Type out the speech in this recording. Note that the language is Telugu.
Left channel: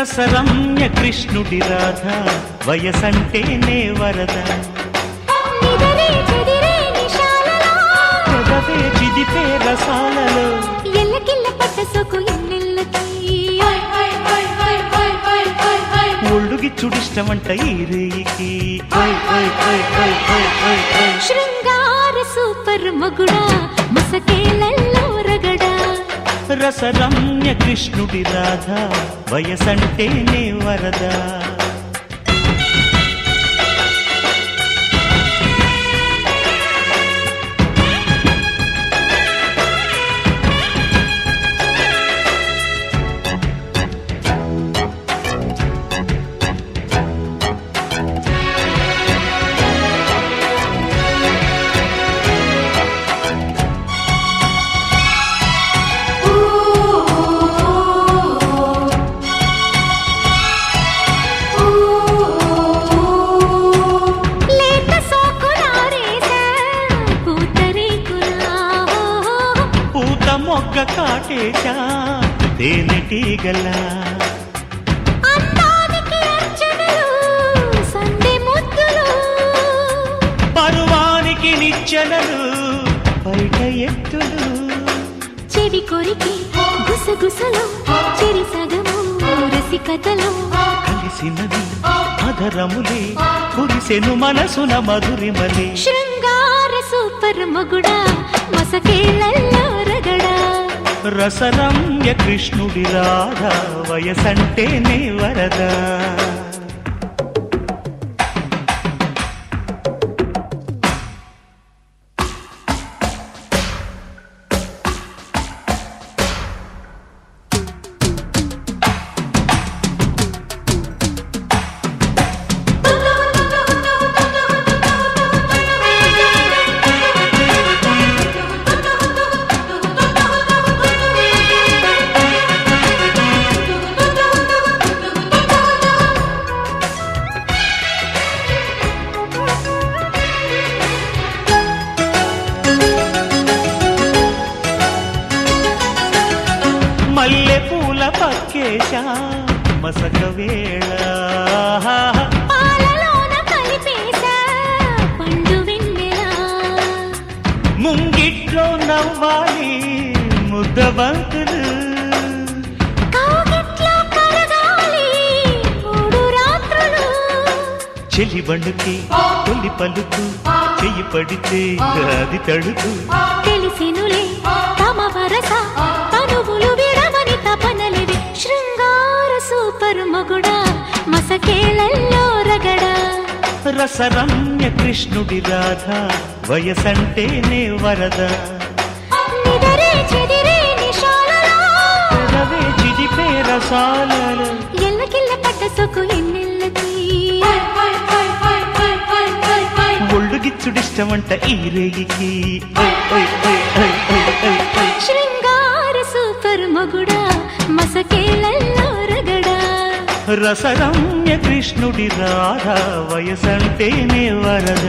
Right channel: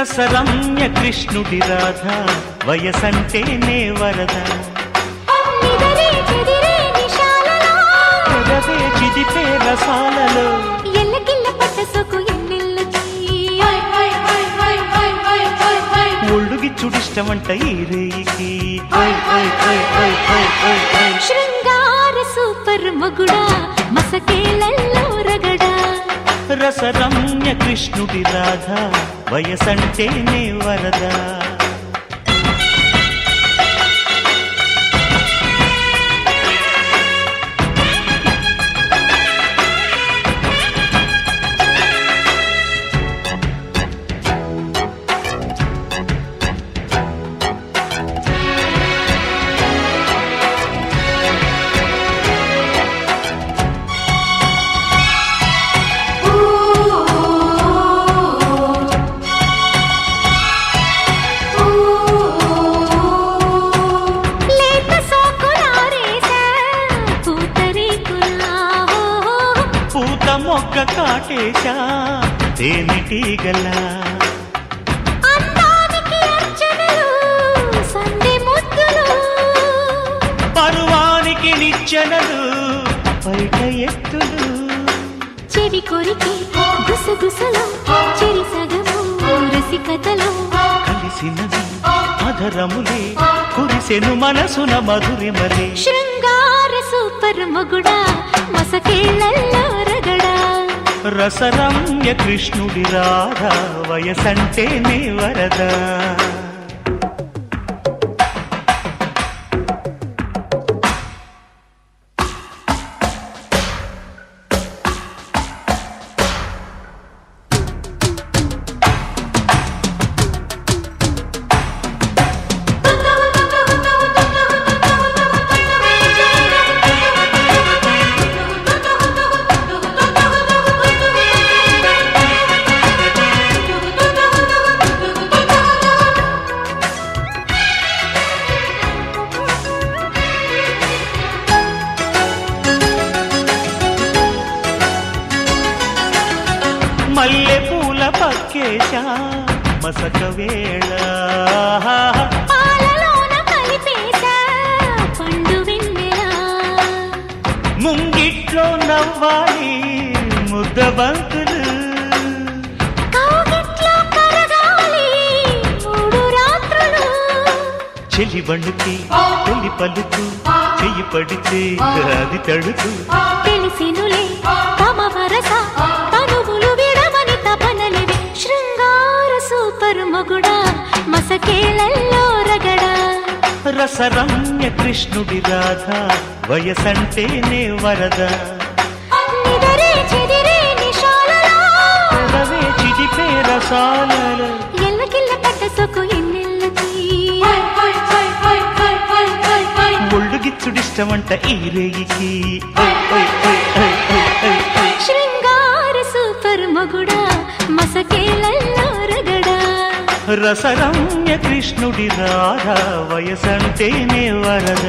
రసరమ్య కృష్ణుడి రాధ వయసంటేనే వరద పెదవే చిదితే రసాలలో ఒళ్ళుది చుడిష్టమంట ఈ రేయికి శృంగార సూపర్ మగుడా మసకేళ్ళల్లో రగడా రసరమ్య కృష్ణుడి రాధ వయసంటేనే వరద మొగ్గ కాటేశా తేనెటీగల పరువానికి నిచ్చెనలు బయట ఎత్తులు చెవి కొరికి గుసగుసలు చెరి సగము రసికతలు కలిసినది అధరములు కురిసెను మనసున మధురిమలు శృంగార సూపర్ మగుడా మసకేళ్ళల్లో రగడా రసరమ్య కృష్ణుడి రాధ వయసంటేనే వరద మల్లె పూల పచ్చేశా మసక వేళ పాలలోన కలిపేశా పండు వెన్నెల ముంగిట్లో నవ్వాలి ముద్దబంతులు కౌగిట్లో కరగాలి మూడు రాత్రులు చెలి బండుకు పెళ్లి పలుకు చెయ్యి పడితే అది తడుకు తెలిసినులే తమ వరస తనువులు విడవని తపనలు శృంగార సూపర్ మగుడా మసకేళ్ళల్లో రగడా రసరమ్య కృష్ణుడి రాధ వయసంటేనే వరద నిదరే చెదిరే నిశాలలో పెదవే చిగితే రసాలలో ఎల్లకిల్ల పడ్డ సొకు ఎన్నెల్లకి ఒళ్ళు గిచ్చుడిష్టమంట ఈ రేయికి శృంగార సూపర్ మగుడా మసకేళ్ళల్లో రగడా రసరమ్య కృష్ణుడి రాధ వయసంటేనే వరద